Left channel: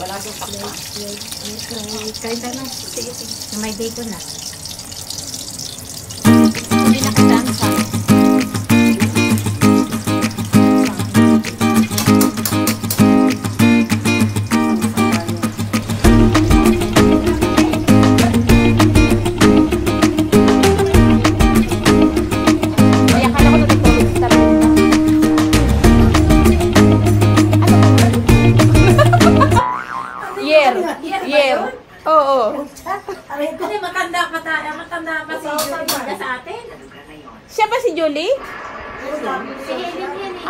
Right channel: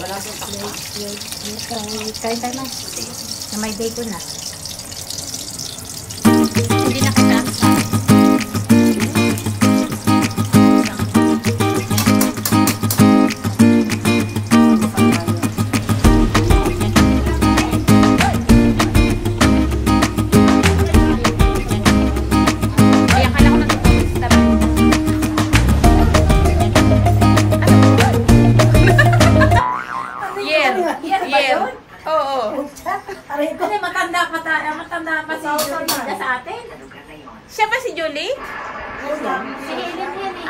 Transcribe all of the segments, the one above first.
Wala sa plate. Kain tayo na. Sige, sige. Na may bacon na. Hindi na kita ang sa. Matanda pa si Julie sa atin. Siya ba si Julie? Si Helen yan eh.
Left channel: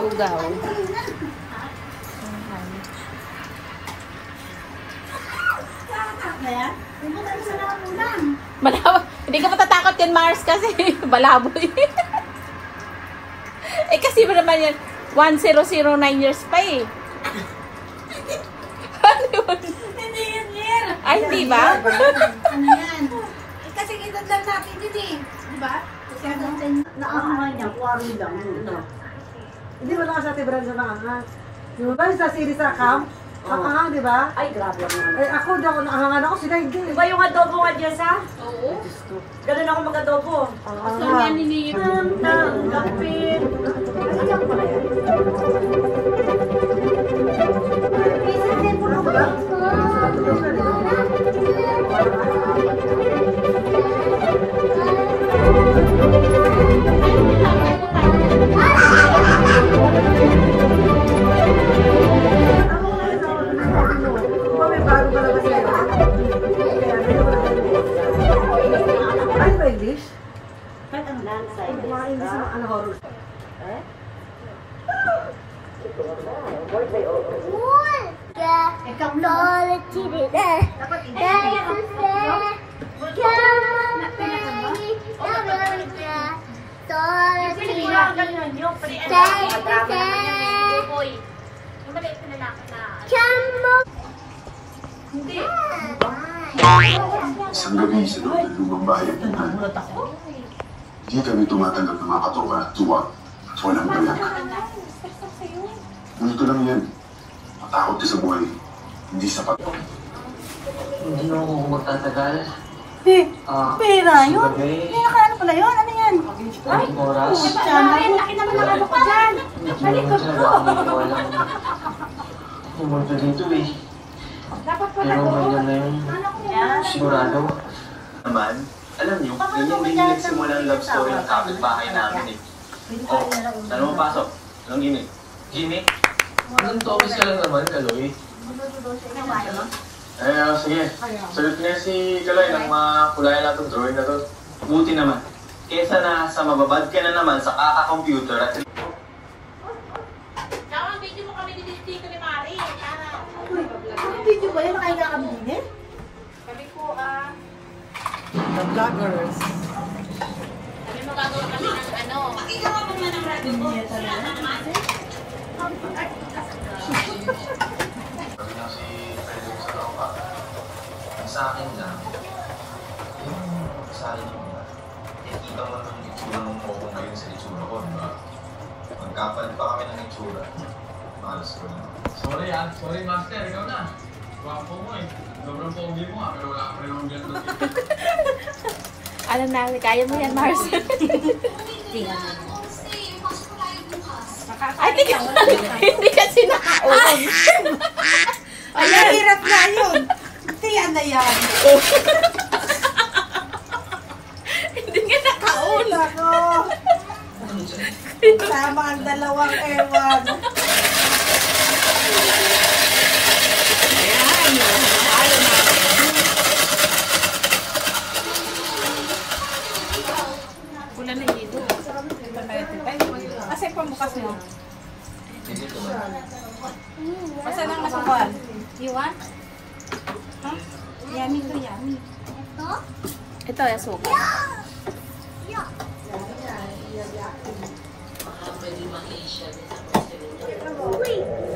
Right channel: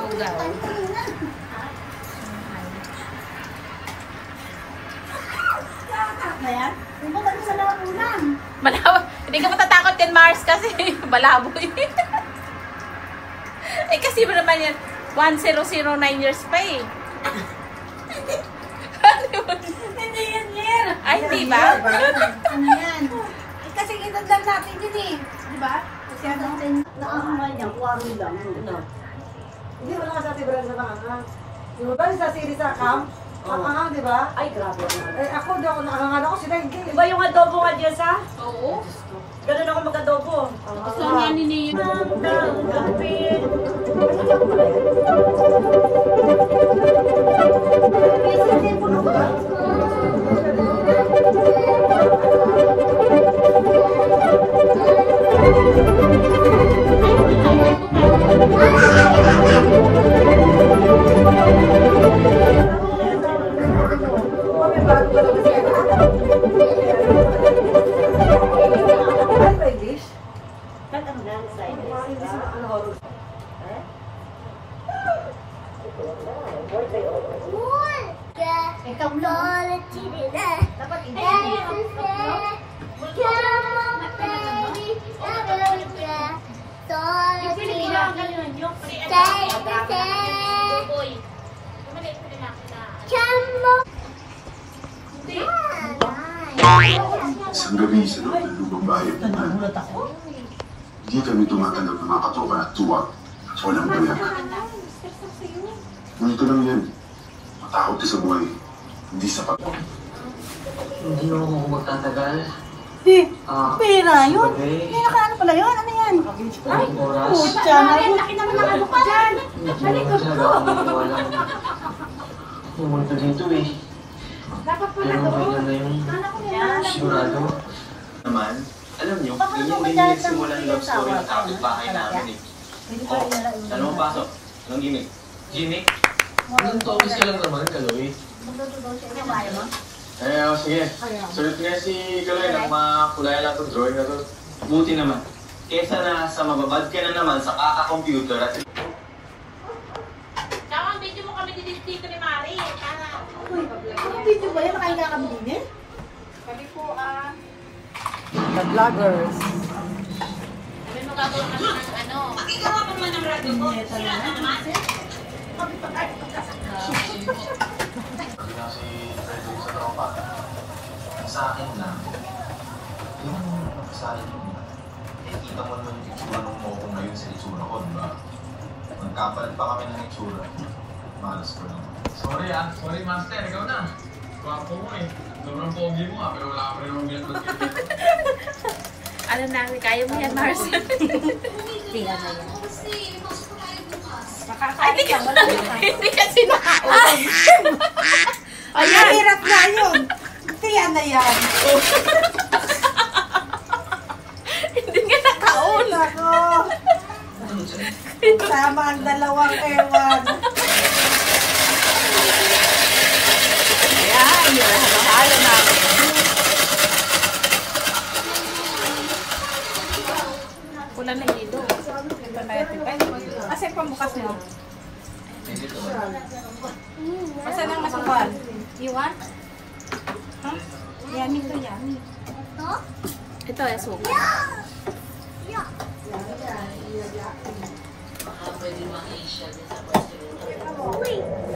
Bugan. Malabo. Hindi ka matatakot din, Mars, kasi balaboy. Eh kasi ba naman yun, 1009 years pa eh. Hindi yan year. Ay, di ba? Ano yan? Eh, kasi edad lang natin yun eh. Di ba? Kasi ano? Naahangan niya, kuwari lang. Hindi mo na sa ati Brenda nakahangang. Yung ba sa series sa camp? Nakahangang, di ba? Ay, grabe ako. Eh ako, di ako nakahangan ako, sila hindi. Di ba yung adobo nga dyan sa? Oo. Ganun ako mag-adobo. So, yan ni Isang gabi sa loob ng lubang bahay at hindi kami tumatanggap ng mga katoka at tuwag at walang gaya. Ngunito lang yan. Matakot ka sa buhay, hindi sapat. Hindi mo ako magtatagal. Pera yun? Ano pala yun? Ano yan? Ay, pucha. Laki naman ng ano ko dyan. Malikot ko. Pumunto dito eh. Dapat pala Pero to. maganda yung sigurado. Naman, alam nyo, ganyan din yung nagsimula ang love story ng kapitbahay namin eh. Oh, ano mo pasok? Anong gimmick? Gimmick? Anong tawis ka lang naman, Kaloy? Eh, sige. Sagot nga si Kalay ng mga kulay na itong drawing na to. Buti naman. Kesa na sa mababad ka na naman sa kaka-computer at... Tsaka ang video mo kami dito ni Mari. Ano video ba yun? Nakahiga kami din eh? Sabi ko, The vloggers. sabi mo gagawa kami ng ano. Makikita mo naman ng radio ko. Sila naman. Sa akin lang, yung kasali nyo nila, nakikita mo naman yung itsura ng mukha ngayon sa itsura ko, diba? Nagkapalit pa kami ng itsura. Malas ko lang. Sorry master, ikaw na. Wapo mo eh. Sobrang pogi mo pero wala ka rin ang ganito. Ano na, kaya mo yan, Mars. Tingnan mo yan. Hindi kasi nakaon. Ayan, hirap na yun. Kaya na yan. Hindi nga nakaon. Ako. Sama ang dalawang ewan. Ayan, nalo natin. Pula na hilo. Kasi pamukas mo. Masa nang masukal? You want? Huh? Yummy to yummy. Ito yung suka.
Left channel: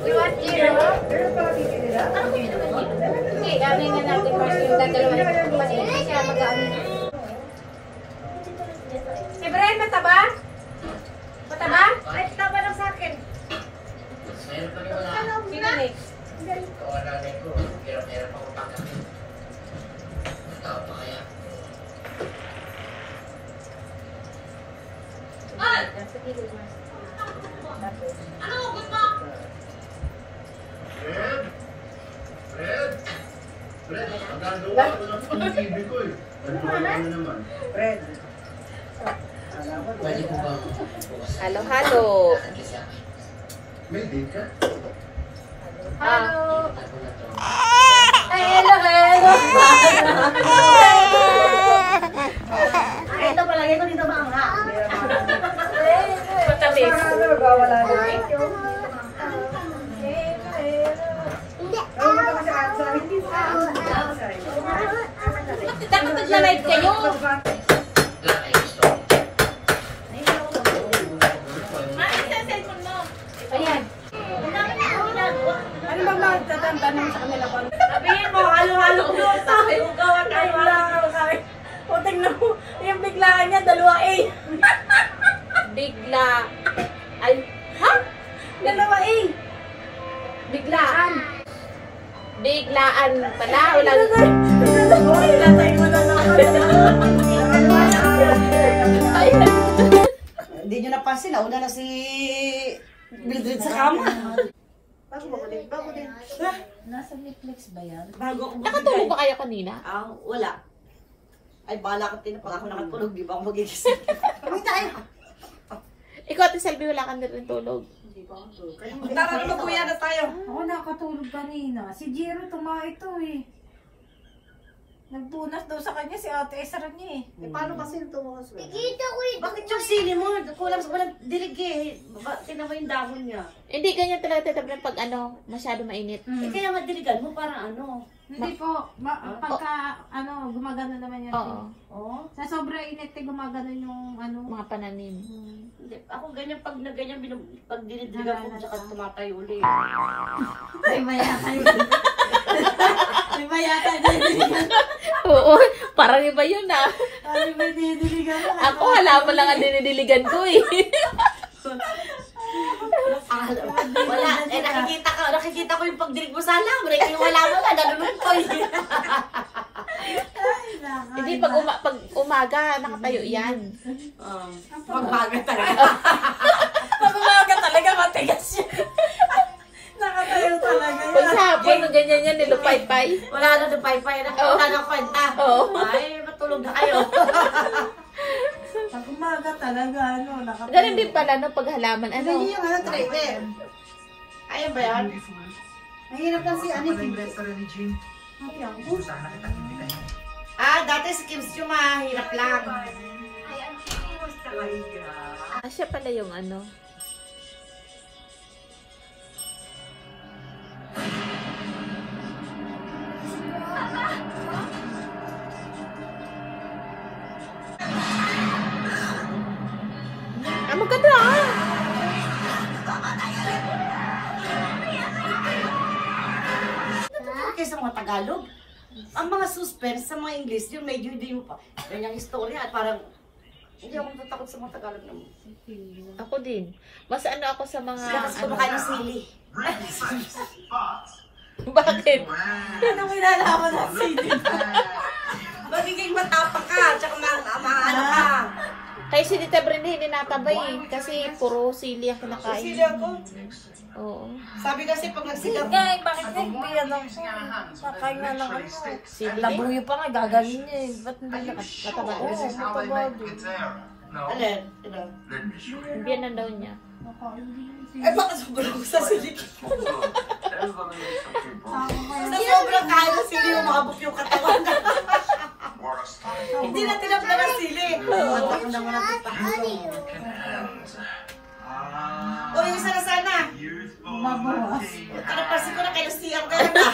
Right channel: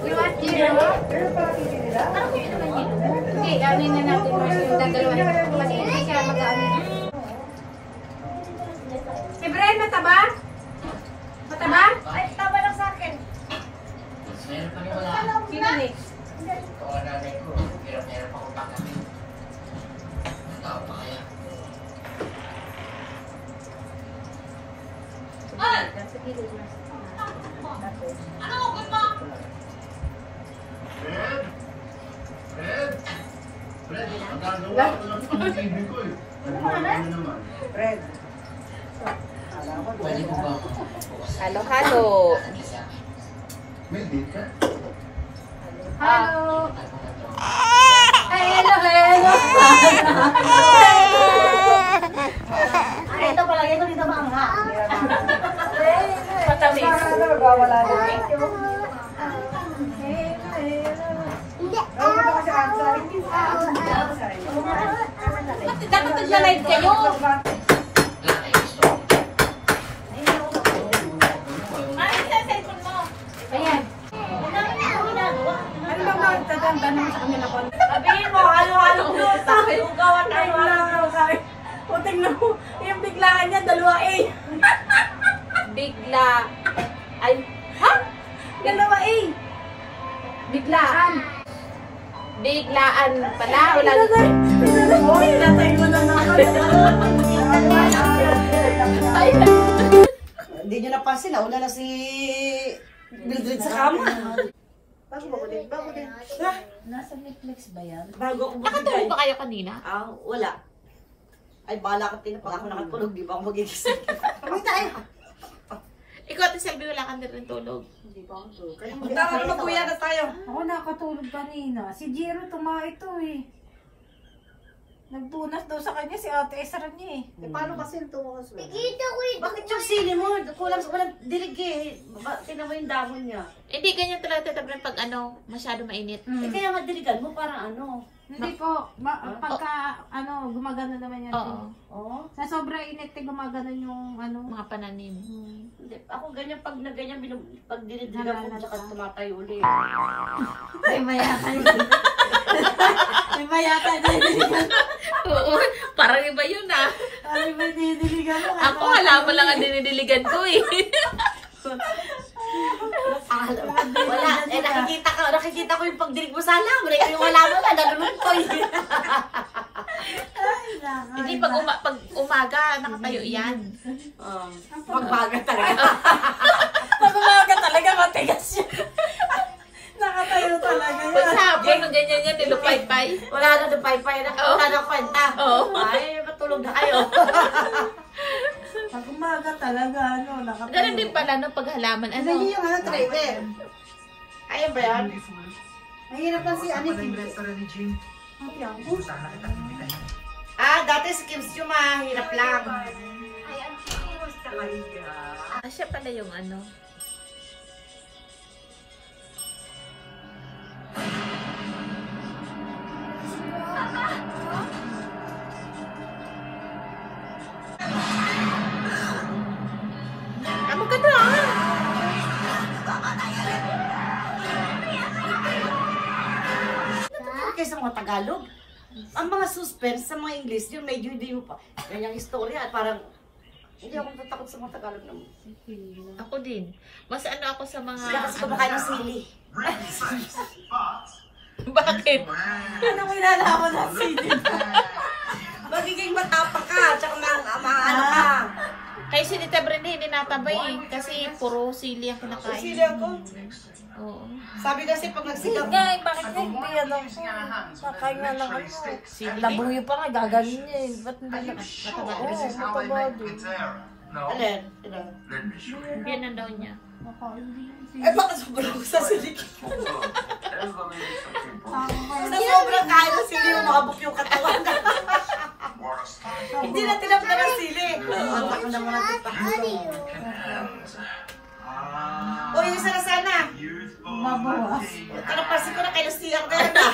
You want yellow? Parang hindi naman yellow. Hindi, ano na natin mas yung dadalawahin ko. Kasi hindi kaya mag-ano. Si Brian, mataba? Mataba? Ay, taba lang sa akin. Red. Halo-halo. Hello. Hello. Ito pala, ito dito ba ang ha? Patamis. Dapat nagla-live kayo. Ayan. Ano ba magtatanong sa kanila ko? Sabihin mo, halo-halo ulit tayo. Gawan tayo lang. O, tingnan mo. Yung biglaan niya, 2A. Bigla. Ay, ha? 2A. Biglaan. Biglaan pala. Wala na. Tatay mo na naman. Hindi nyo napansin, nauna na si Mildred sa kama. Bago din. Nasa Netflix ba yan? Bago ako Nakatulog ba kayo kanina? Wala. Ay, bahala ka tinapag ako nakatulog, di ba ako magigising? Kami tayo. Ikaw, Ate Selby, wala ka na rin tulog. Hindi ba ako tulog? Kaya Tara, magkuya na tayo. Ako nakatulog kanina. Si Jiro ito eh. Nagpunas daw sa kanya si Ate Esra niya eh. Paano kasi yung tumukas mo? Bakit yung sili mo? Kulang sa walang dilig eh. Tingnan mo yung dahon niya. Hindi, ganyan talaga tatablan pag masyado mainit. Eh, kaya nga diligan mo parang ano. Hindi po. Pagka gumagano naman yan. Oo. Oh. Sa sobra init gumagano yung Mga pananim. Hindi. Ako ganyan pag na ganyan pag dinidiligan ko saka tumatayo ulit. Ay, maya kayo. Ay, maya kayo. Oo, parang iba yun ah. Ay, may dinidiligan mo. Ako, halaman lang ang dinidiligan ko eh. Wala. Eh, nakikita ko yung pagdilig mo sa alam. Yung wala mo na, nalulog ko eh. Hindi, pag umaga, nakatayo yan. Magbaga talaga. Pag umaga talaga, matigas yan. Nakatayo talaga yan. Pag sa hapon, ganyan yan, nilupay-pay. Wala na doon pay-pay. Wala na kwenta. Ay, matulog na kayo. Pag umaga talaga, nakatayo. Ganun din pala, no, pag halaman, Hindi yung trailer. Ayun ba yan? Mahirap lang si Annie. Dati si Kim Chiu mahirap lang. Siya pala yung maganda Kaya sa mga Tagalog, ang mga suspense sa mga English, yung medyo hindi mo pa. Ganyang istorya at parang hindi ako natatakot sa mga Tagalog naman. Ako din. Mas ako sa mga... Kasi kumakain ng sili. Bakit? Anong kinalaman ng sili? Magiging matapang ka, tsaka maano ka. Kaya si Tita Brenda hindi natabay eh. Kasi puro sili ang kinakain. Sili ako. Oo. Sabi kasi pag nagsigaw. Bakit hindi yan lang po? Kakain nga lang Sili Labuyo pa nga, gagaling niya eh. Ba't hindi mataba? mataba din. Alin? Hindi yan daw niya. Eh baka sobrang sa sili. Sa sobrang kain ng sili, umabok yung katawan. Hindi na tinapla ng sili. Mata ko naman ang tipak. O, yung isa na sana. Mabawas. Kanapasin ko na kayo siyang kayo na.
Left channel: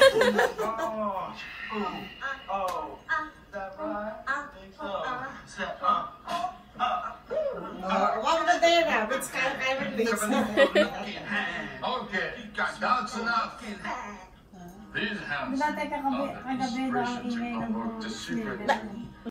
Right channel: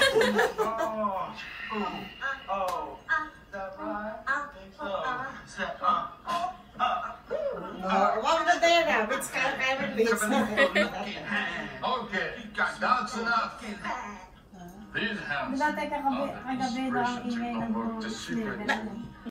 Wow na tayo na. Which kind of bilis na. Okay, that's enough. This house. Dati kagabi na ang ingay ng